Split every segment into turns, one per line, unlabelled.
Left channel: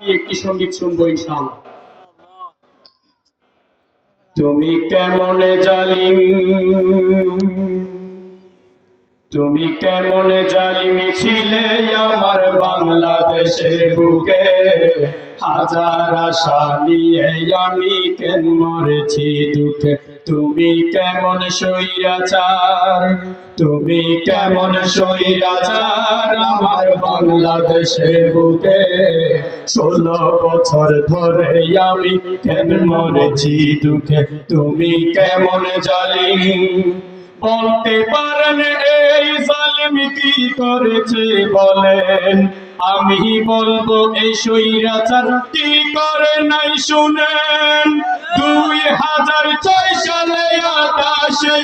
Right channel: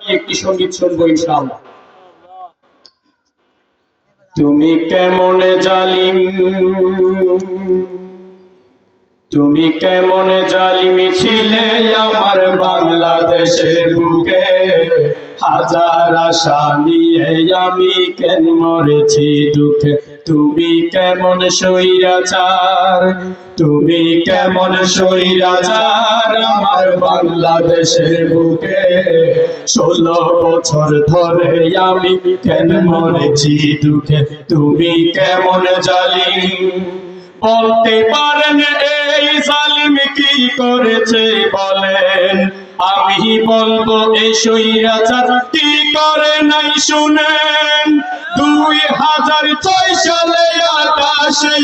একটি সংগীত শুনব ইনশাআল্লাহ। তুমি কেমন জালিম? তুমি কেমন জালিম ছিলে আমার বাংলাদেশের বুকে? হাজার আশা নিয়ে আমি কেন মরেছি দুঃখে? তুমি কেমন সৈরাচার তুমি কেমন সৈরাচার আমার বাংলাদেশের বুকে? ষোলো বছর ধরে আমি কেন মরেছি দুঃখে তুমি কেমন জালিম? বলতে পারেন এই জালিম কি করেছে বলেন, আমি বলব, এই সৈরাচার কি করে নাই, শুনেন। দুই হাজার ছয় সালে আকাশে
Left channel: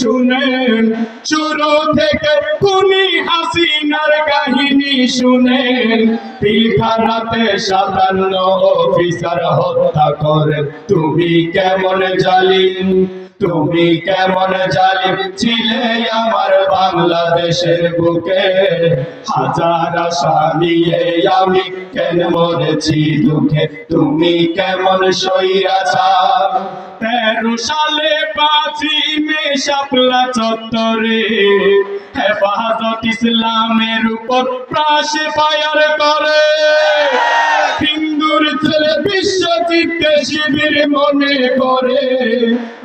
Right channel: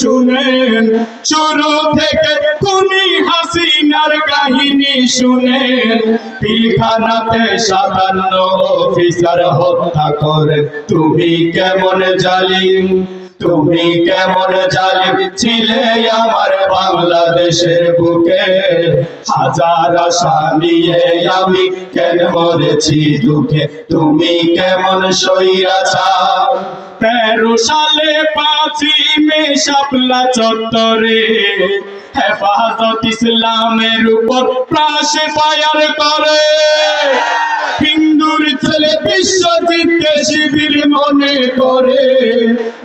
শুনেন শুরু থেকে খুনি হাসিনার কাহিনী শুনেন। পিলখানাতে সাতান্ন অফিসার হত্যা করে। তুমি কেমন জালিম? তুমি কেমন জালিম? ছিলে আমার বাংলাদেশের বুকে। হাজার আশা নিয়ে আমি কেন মরেছি দুঃখে? তুমি কেমন সইয়াছার তেরো সালে পাঁচই মে শাপলা চত্বরে। হেফাজত ইসলামের উপর প্রাসে ফায়ার করে। হিন্দুর ছেলে বিশ্বজিৎকে শিবির মনে করে।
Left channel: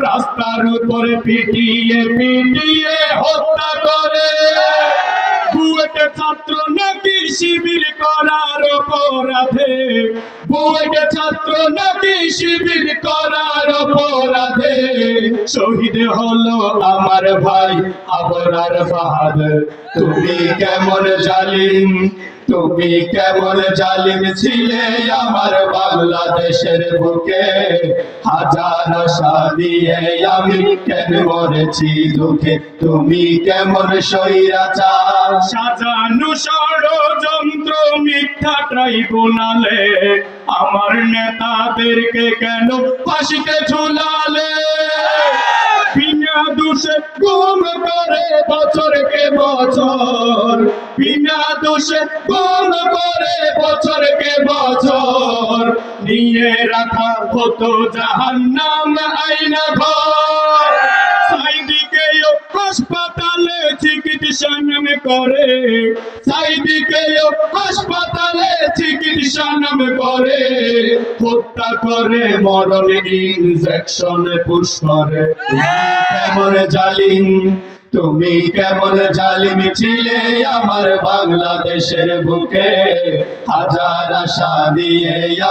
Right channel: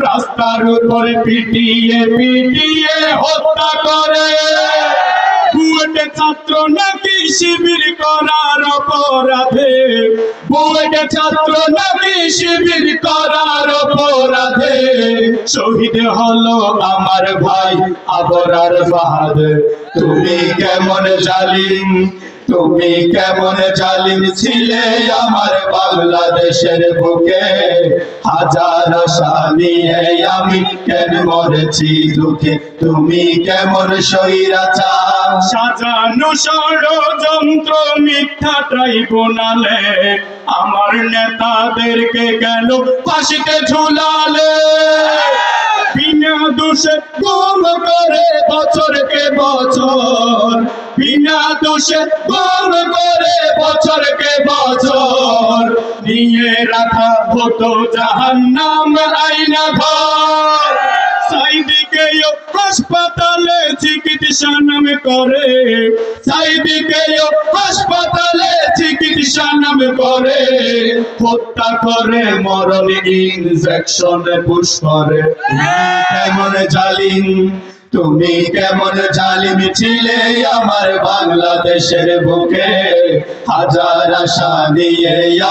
রাস্তার উপরে পিটিয়ে পিটিয়ে হত্যা করে। ছাত্র নাকি শিবির করার অপরাধে। ছাত্র শিবির করার অপরাধে। শহীদ হলো আমার ভাই আবরার তুমি কেমন জালিম, তুমি কেমন জালিম ছিলে আমার বাংলাদেশের বুকে। হাজার নিয়ে আমি কেন মরেছি দুঃখে? তুমি কেমন সৈরাচার সাজানো ষড়যন্ত্র মিথ্যা ট্রাইব্যুনালে। আমার নেতাদেরকে কেন ফাঁসিতে ঝুলালে? বিনা দোষে গুম করে বছরকে বছর। বিনা দোষে চিকিৎসা নামে করে হত্যা করে পুশ করে। কেমন জালিম? তুমি কেমন জালিম ছিলে আমার বাংলাদেশের বুকে? হাজার আশা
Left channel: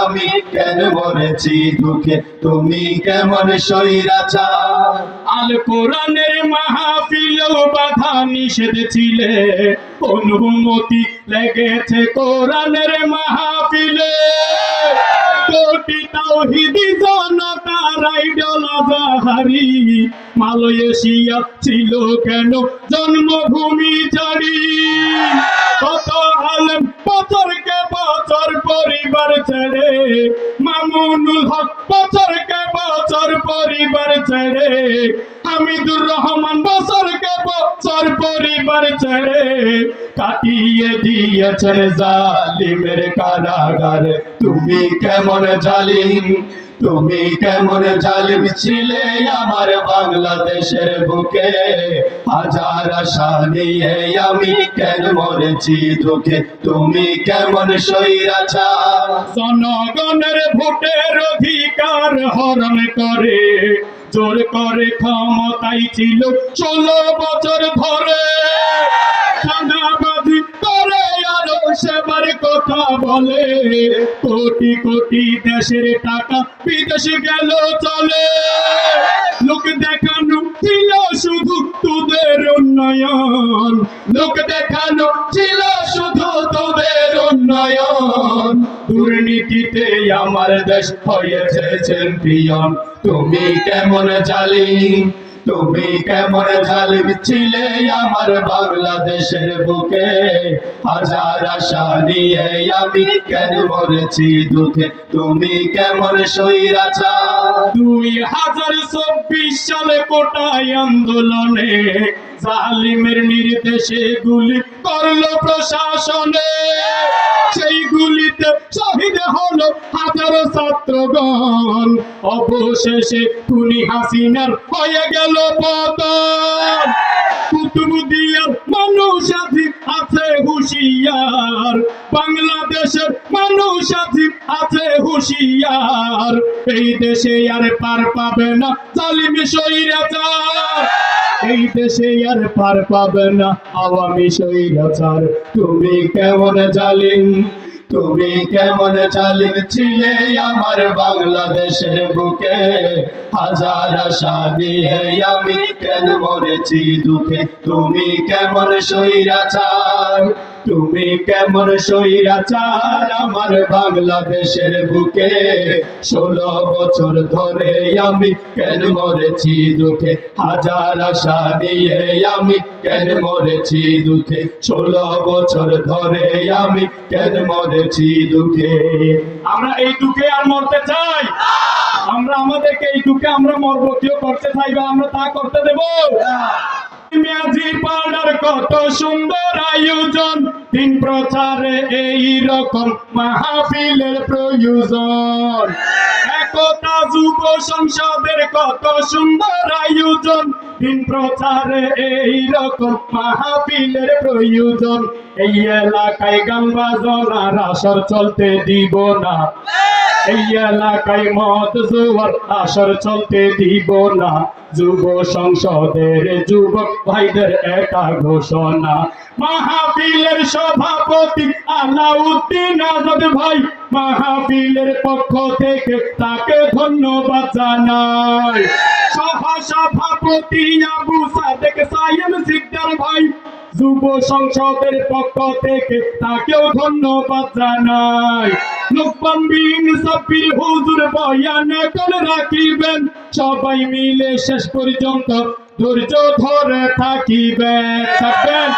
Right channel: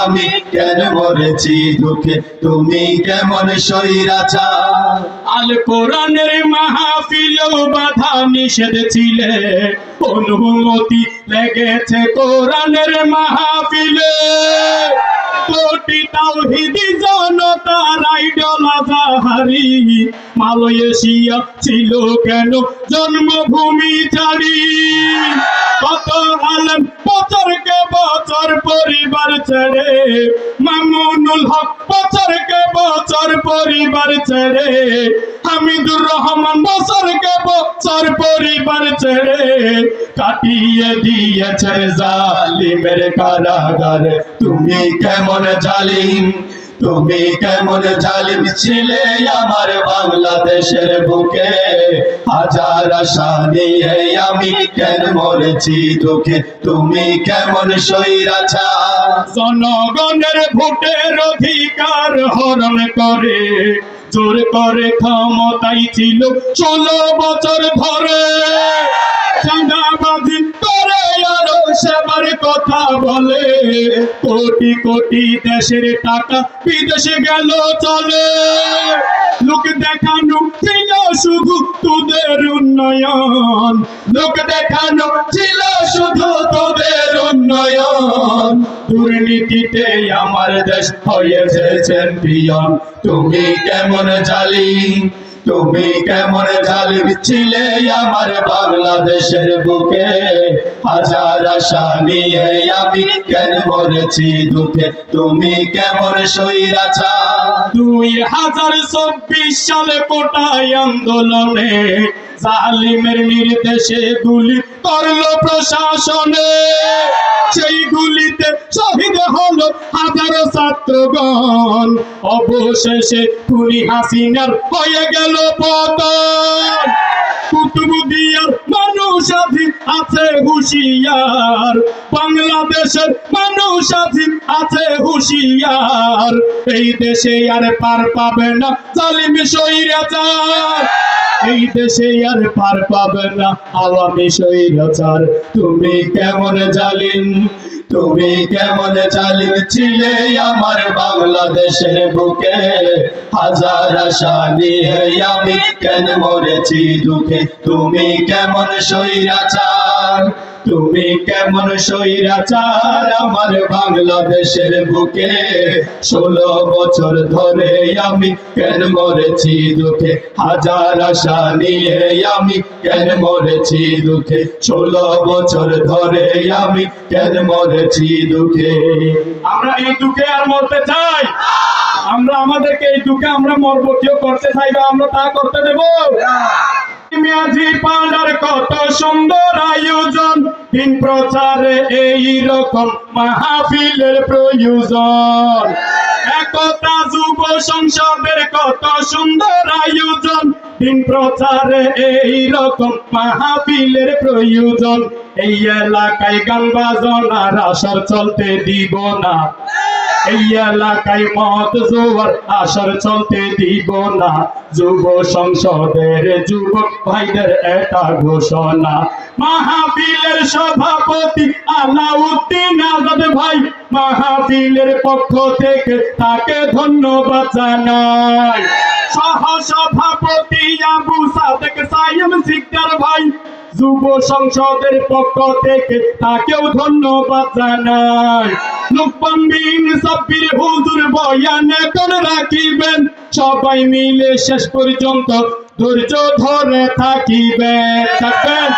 আমি কেন মরেছি দুঃখে? তুমি কেমন সৈরাচার আল কোরআনের মাহফিলেও বাধা নিষেধ ছিলে। অনুমতি লেগেছে কোরআনের মাহফিলে কোটি মালয়েশিয়া ছিল কেন? জন্মভূমি জানি। কত আলম বছরকে বছর পরিবার ছেড়ে। মামুনুল হক বছরকে বছর পরিবার ছেড়ে হামিদুর রহমান বছরকে বছর পরিবার ছেড়ে কাটিয়ে দিয়েছে জালিমের কারাগার। তুমি কেমন জালিম? তুমি কেমন জালিম ছিলে আমার বাংলাদেশের বুকে? হাজার আশা নিয়ে আমি কেন মরেছি দুঃখে তুমি কেমন সৈরাছা জনগণের ভোটের অধিকার হরণ করে, জোর করে ক্ষমতাই ছিল ষোলো বছর ধরে। সেবার কথা বলে। কোটি কোটি দেশের টাকা বিদেশে গেল চলে। লোক দেখানো ছিল শুধু তোদের উন্নয়ন। লোক দেখানো ছিল শুধু উন্নয়ন দুর্নীতিতে আমার দেশ হয়েছে চ্যাম্পিয়ন তুমি কেমন জালিম তুমি কেমন জালিম ছিলে আমার বাংলাদেশের বুকে হাজার আশা নিয়ে আমি কেন মরেছি দুঃখে? তুমি কেমন সৈরাচার দুই হাজার চব্বিশ সালে কোটায় আন্দোলনে জালিমের নির্দেশে গুলি করল প্রশাসনে। সেই গুলিতে শহীদ হলো হাজারো ছাত্রগণ। অবশেষে খুনি হাসিনার হয়ে গেল পতন। কুতুবুদিয়ার মানুষ আছি হুশিয়ার। বাংলাদেশের মানুষ আছি হুশিয়ার। এই দেশে আর পার পাবে না জালিম স্বৈরাচার। এই দেশে আর পার পাবে না আওয়ামী সৈরাচার তুমি কেমন জালিম? তুমি কেমন চালিক ছিলে আমার বাংলাদেশের বুকে? হাজার আশা নিয়ে আমি কেন মরেছি দুঃখে? তুমি কেমন সৈরাচার তুমি কেমন সৈরাচার আমার বাংলাদেশের বুকে? ষোলো বছর ধরে আমি কেন মরেছি দুঃখে? হাজার আশা নিয়ে আমি কেন মরেছি দুঃখে? ষোলো বছর ধরে আমি কেন মরেছি দুঃখে? আমরা এই দুঃখে আর মরতে চাই। আমরা আমাদেরকে এই দুঃখে আমরা মরবো। কেউ করতে চাই বা আমরা তা করতে দেব। মেয়াজি পাড়ার কত সুন্দর আয়োজন। দিন প্রচারে এই রকম মাহফিলের প্রয়োজন। একতা যুব সংসদের কত সুন্দর আয়োজন। দিন প্রচারে এই রকম মাহফিলের প্রয়োজন। এই এলাকায় গান বাজনার আসর চলতে দিব না। এলাকায় মত জোয়ার, আসর চলতে দিব না। যুব সংসদের যুবক ভাইদের এটা ঘোষণা। মাহফিলের সভাপতি আলাউদ্দিন আজাদ ভাই মাহফিলের পক্ষ থেকে তাকে ধন্যবাদ জানাই। সহ সভাপতি আবু সাদেক সাইম সিকদার ভাই যুব সংসদের পক্ষ থেকে তাকেও ধন্যবাদ জানাই। লুকমান সাব্বির হুজুর বয়ান এখন রাখিবেন। সবাই মিলে শেষ পর্যন্ত ধৈর্য ধরে থাকিবেন, থাকবেন।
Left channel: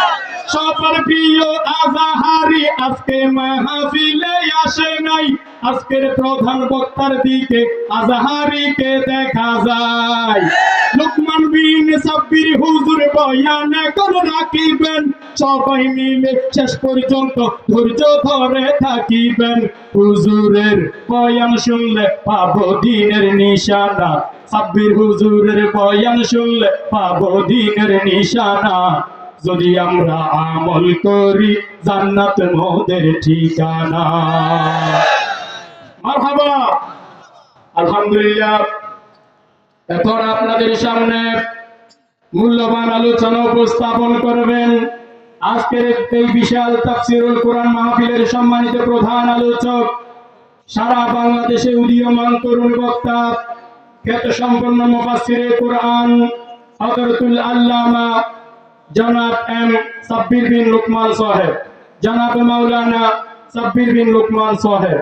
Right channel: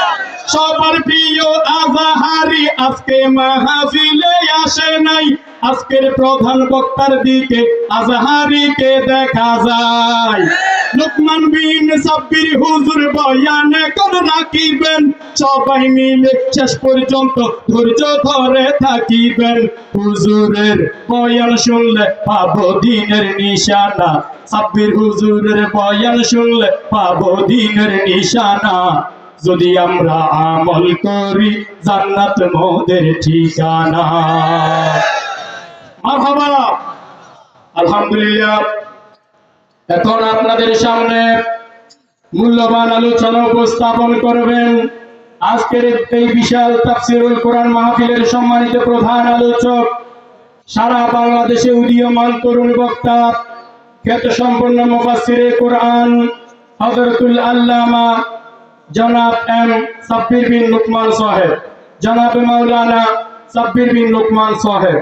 সবার প্রিয় আজাহারি, আজকে মাহফিলে আসে নাই। আজকের প্রধান বক্তার দিকে আজাহারিকে দেখা যায়। লুকমান বিন সাব্বির হুজুর বয়ান এখন রাখিবেন। সবাই মিলে শেষ পর্যন্ত ধৈর্য ধরে থাকিবেন। হুজুরের বয়ান শুনলে পাবো দিনের নিশানা। সাব্বির হুজুরের বয়ান শুনলে পাবো দিনের নিশানা। যদি আমরা আমল করি, জান্নাত মোদের ঠিকানা। মারহাবা। আলহামদুলিল্লাহ। এখন আপনাদের সামনে মূল্যবান আলোচনা উপস্থাপন করবেন। আজকের এই বিশাল তাফসিরুল কোরআন মাহফিলের সম্মানিত প্রধান আলোচক, সারা বাংলাদেশে উদীয়মান তরুণ বক্তা খ্যাত সম্পন্ন মুফাসসিরে কোরআন, হযরতুল আল্লামা জনাব এম সাব্বির বিন লুকমান সাহেব। জনাব মাওলানা সাব্বির বিন লুকমান সাহেব।